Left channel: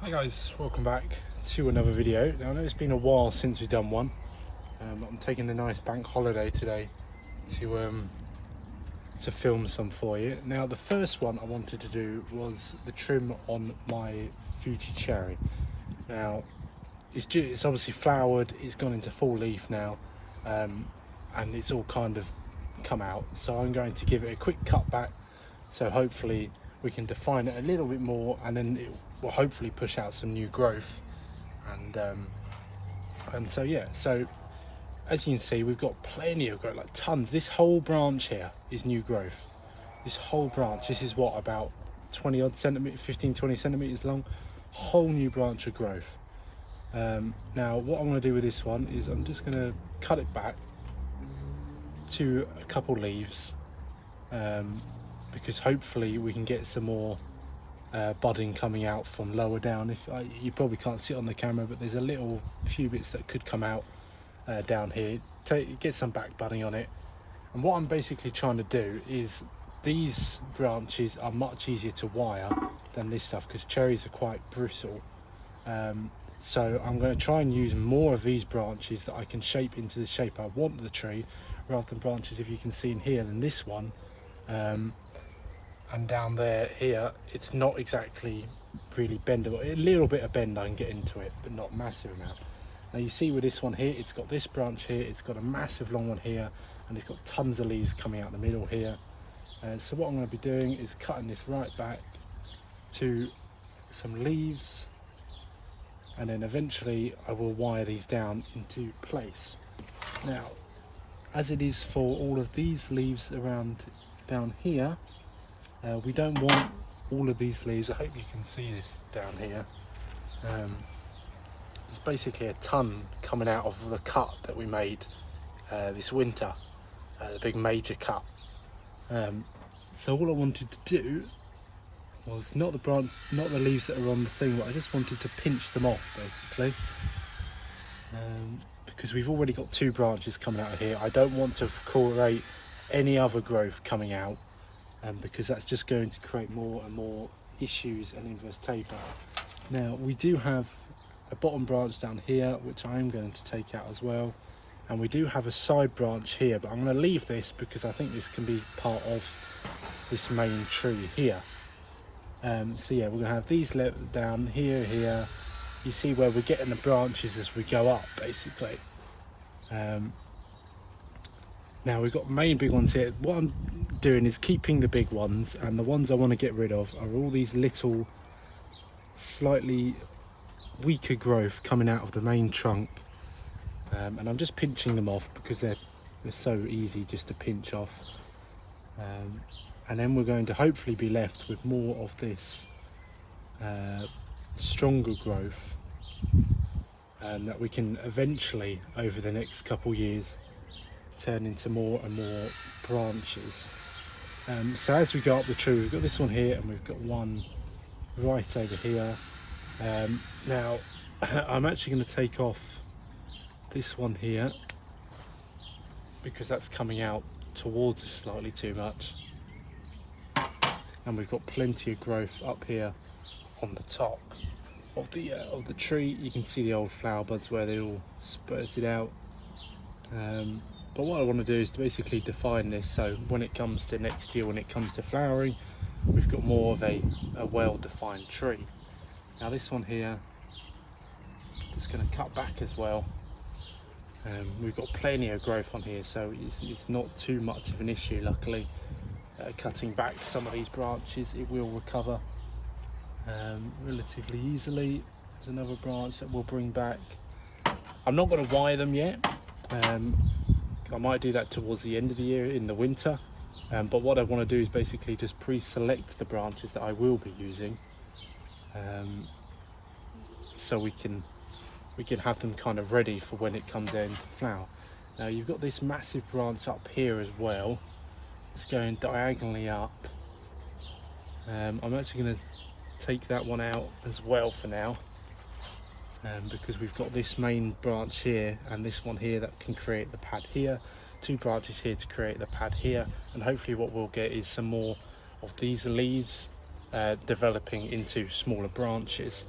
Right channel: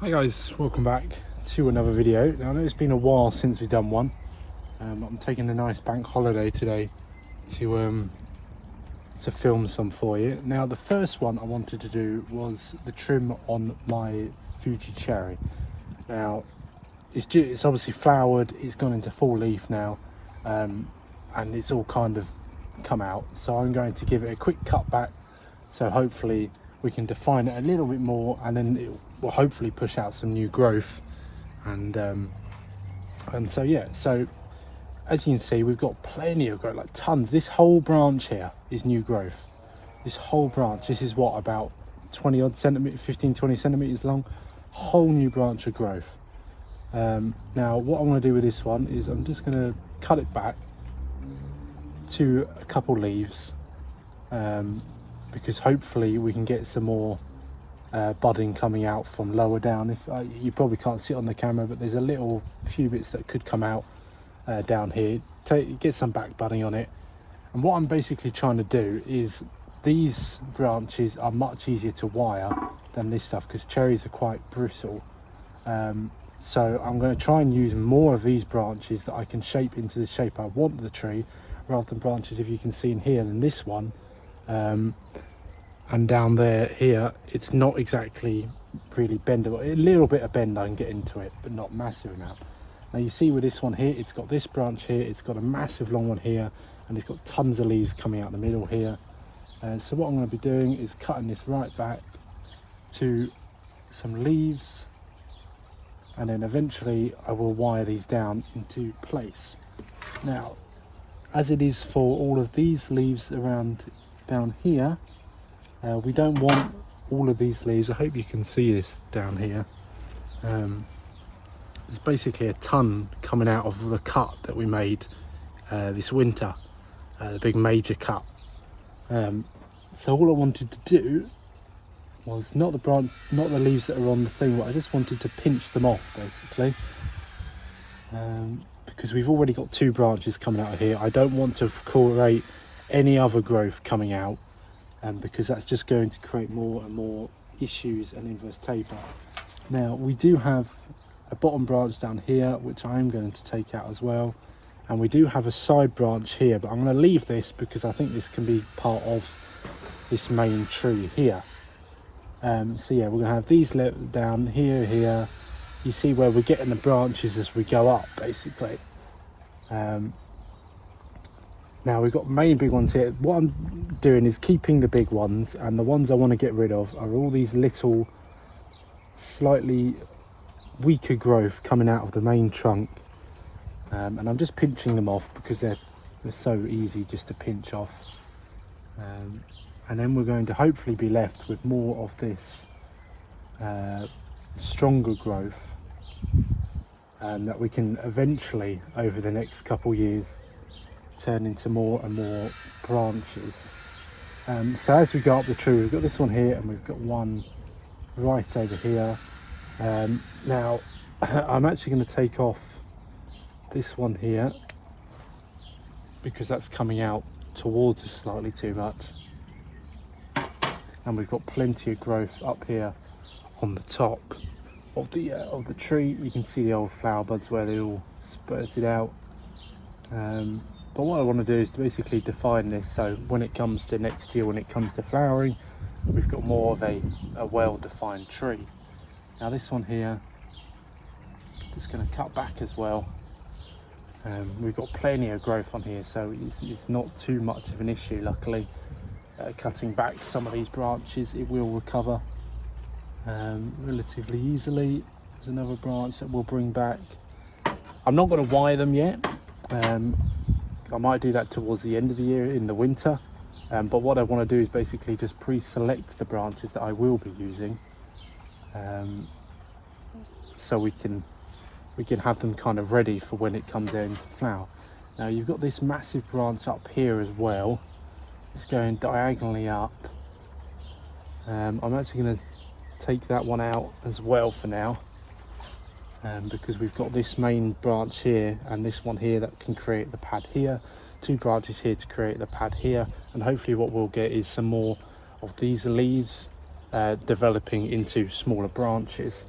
Hi guys, welcome back to another video. Now, I know it's been a while since we've done one. I'm taking a nice bank holiday today to film some for you. Now, the first one I wanted to do was the trim on my Fuji cherry. Now, it's obviously flowered, it's gone into full leaf now, and it's all kind of come out. So I'm going to give it a quick cut back, so hopefully we can define it a little bit more, and then it will hopefully push out some new growth. And so yeah, so as you can see, we've got plenty of growth, like tons. This whole branch here is new growth. This whole branch, this is what, about 20 odd centimeters, 15-20 centimeters long, whole new branch of growth. Now what I'm going to do with this one is I'm just going to cut it back to a couple leaves, because hopefully we can get some more budding coming out from lower down. If you probably can't see it on the camera, but there's a little few bits that could come out down here. Get some back budding on it. And what I'm basically trying to do is, these branches are much easier to wire than this stuff because cherries are quite brittle. So I'm going to try and use more of these branches that I can shape into the shape I want the tree, rather than branches, if you can see in here, than this one. And down there here, it's not exactly really bendable. A little bit of bend I can get into it, but not massive enough. Now you see with this one here, it's got this branch here, it's got a massive long one here, and it's got tons of leaves coming out the middle here. So what I'm going to be doing is cutting this right back to some leaves, and then eventually I will wire these down into place. Now, as it is for all of these leaves around down here, we don't want all of these leaves. I hope you can see this down here. There's basically a ton coming out of the cut that we made this winter, the big major cut. So all I wanted to do was not the leaves that are on the thing, but I just wanted to pinch them off basically, because we've already got two branches coming out of here. I don't want to create any other growth coming out, because that's just going to create more and more issues and inverse taper. Now we do have a bottom branch down here which I am going to take out as well, and we do have a side branch here, but I'm going to leave this because I think this can be part of this main tree here. So yeah, we're going to have these down here. You see where we're getting the branches as we go up basically. Now we've got main big ones here. What I'm doing is keeping the big ones, and the ones I want to get rid of are all these little slightly weaker growth coming out of the main trunk, and I'm just pinching them off because they're so easy just to pinch off. And then we're going to hopefully be left with more of this stronger growth, and that we can eventually, over the next couple years, turn into more and more branches. So as we go up the tree, we've got this one here, and we've got one right over here. Now I'm actually going to take off this one here because that's coming out towards us slightly too much, and we've got plenty of growth up here on the top of the tree. You can see the old flower buds where they all spurted out. But what I want to do is to basically define this, so when it comes to next year, when it comes to flowering, we've got more of a well-defined tree. Now this one here, just going to cut back as well. We've got plenty of growth on here, so it's not too much of an issue, luckily. Cutting back some of these branches, it will recover relatively easily. There's another branch that we'll bring back. I'm not going to wire them yet. I might do that towards the end of the year in the winter, but what I want to do is basically just pre-select the branches that I will be using, so we can have them kind of ready for when it comes into flower. Now you've got this massive branch up here as well. It's going diagonally up. I'm actually going to take that one out as well for now, because we've got this main branch here and this one here that can create the pad here, two branches here to create the pad here, and hopefully what we'll get is some more of these leaves developing into smaller branches.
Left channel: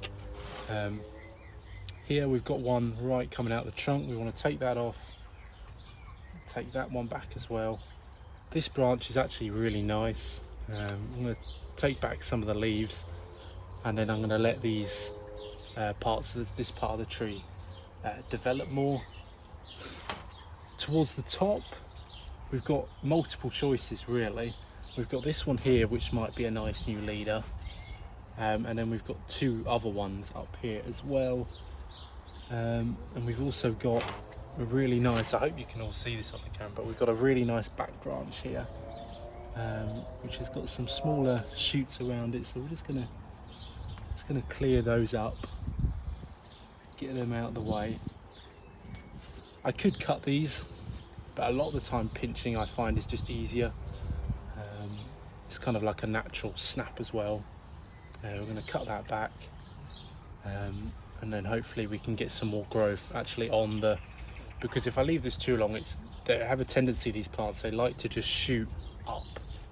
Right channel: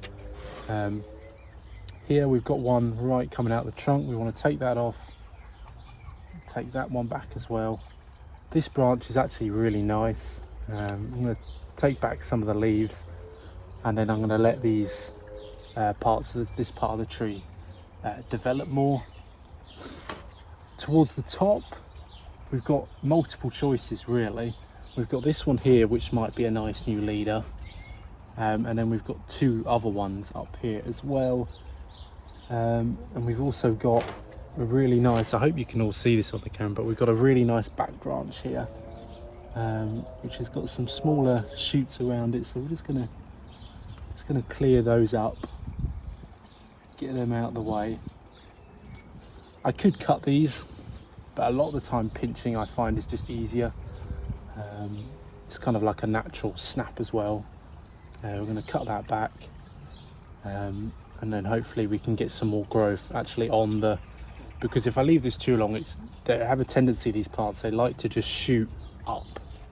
Here we've got one right coming out the trunk. We want to take that off, take that one back as well. This branch is actually really nice. I'm going to take back some of the leaves, and then I'm going to let these parts of this part of the tree develop more. Towards the top, we've got multiple choices really. We've got this one here, which might be a nice new leader, and then we've got two other ones up here as well. And we've also got a really nice, I hope you can all see this on the camera, but we've got a really nice back branch here, which has got some smaller shoots around it. So we're just gonna clear those up, get them out of the way. I could cut these, but a lot of the time pinching I find is just easier. It's kind of like a natural snap as well. We're going to cut that back, and then hopefully we can get some more growth actually on the, because if I leave this too long, they have a tendency, these plants, they like to just shoot up.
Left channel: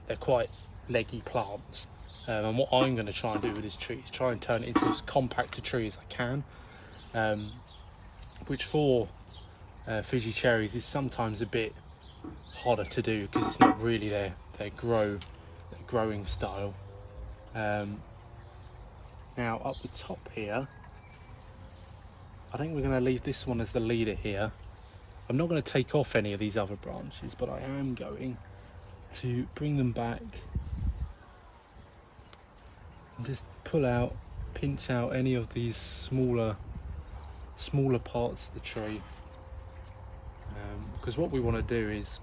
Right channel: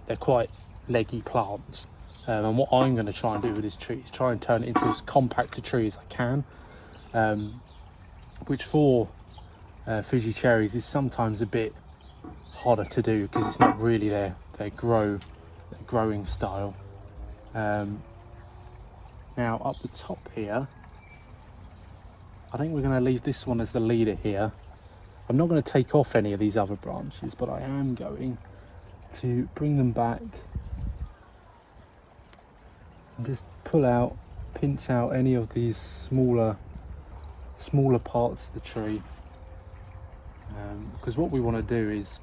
They're quite leggy plants, and what I'm going to try and do with this tree is try and turn it into as compact a tree as I can, which for Fuji cherries is sometimes a bit harder to do because it's not really their growing style. Now up the top here, I think we're going to leave this one as the leader here. I'm not going to take off any of these other branches, but I am going to bring them back and just pull out, pinch out any of these smaller parts of the tree, because what we want to do is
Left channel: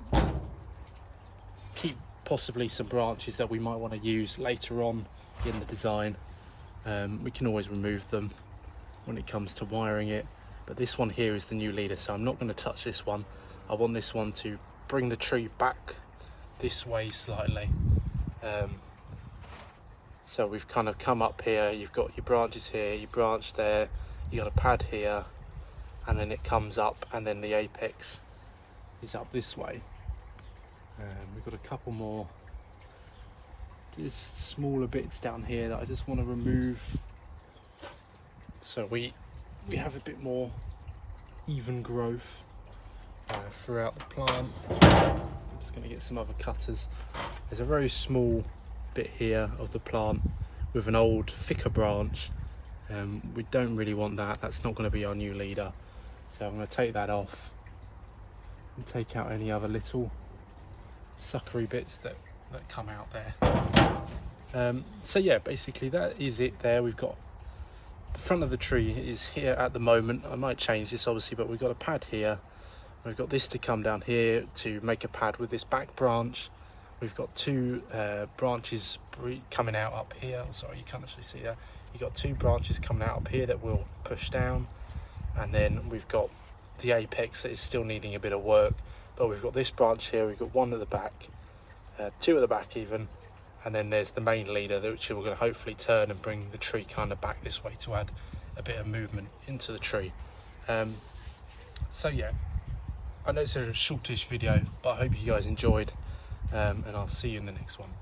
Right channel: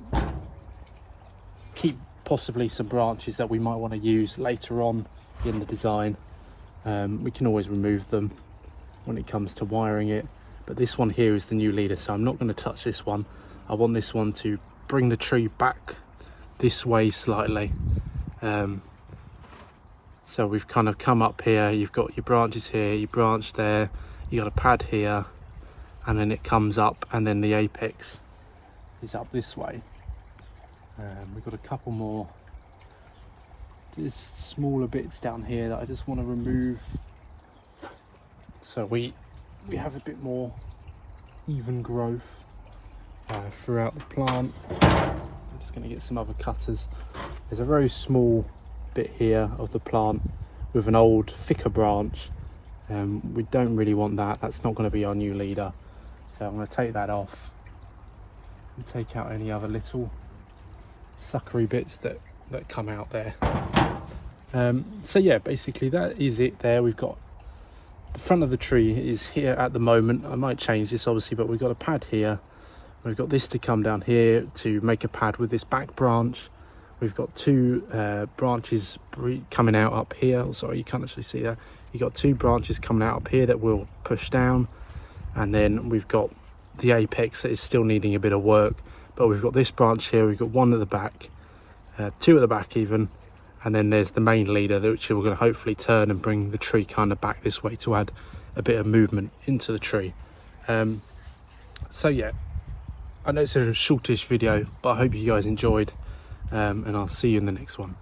keep possibly some branches that we might want to use later on in the design. We can always remove them when it comes to wiring it, but this one here is the new leader, so I'm not going to touch this one. I want this one to bring the tree back this way slightly. So we've kind of come up here, you've got your branches here, your branch there, you got a pad here, and then it comes up, and then the apex is up this way. We've got a couple more just smaller bits down here that I just want to remove, so we have a bit more even growth throughout the plant. I'm just going to get some other cutters. There's a very small bit here of the plant with an old thicker branch. We don't really want that. That's not going to be our new leader, so I'm going to take that off and take out any other little suckery bits that come out there. So yeah, basically that is it there. We've got the front of the tree is here at the moment. I might change this obviously, but we've got a pad here. We've got this to come down here to make a pad with this back branch. We've got two branches coming out up here. Oh, sorry, you can't actually see that. You've got two branches coming out up here that we'll push down, and then we've got the apex that is still needing a bit of work, but we've got this branch here, we've got one at the back, two at the back even, and then there's the main leader which we're going to hopefully turn and bring the tree kind of back this way to add a bit of movement into the tree. So yeah, I know it's a shortish video, but I hope you guys enjoyed, and I'll see you in the next one.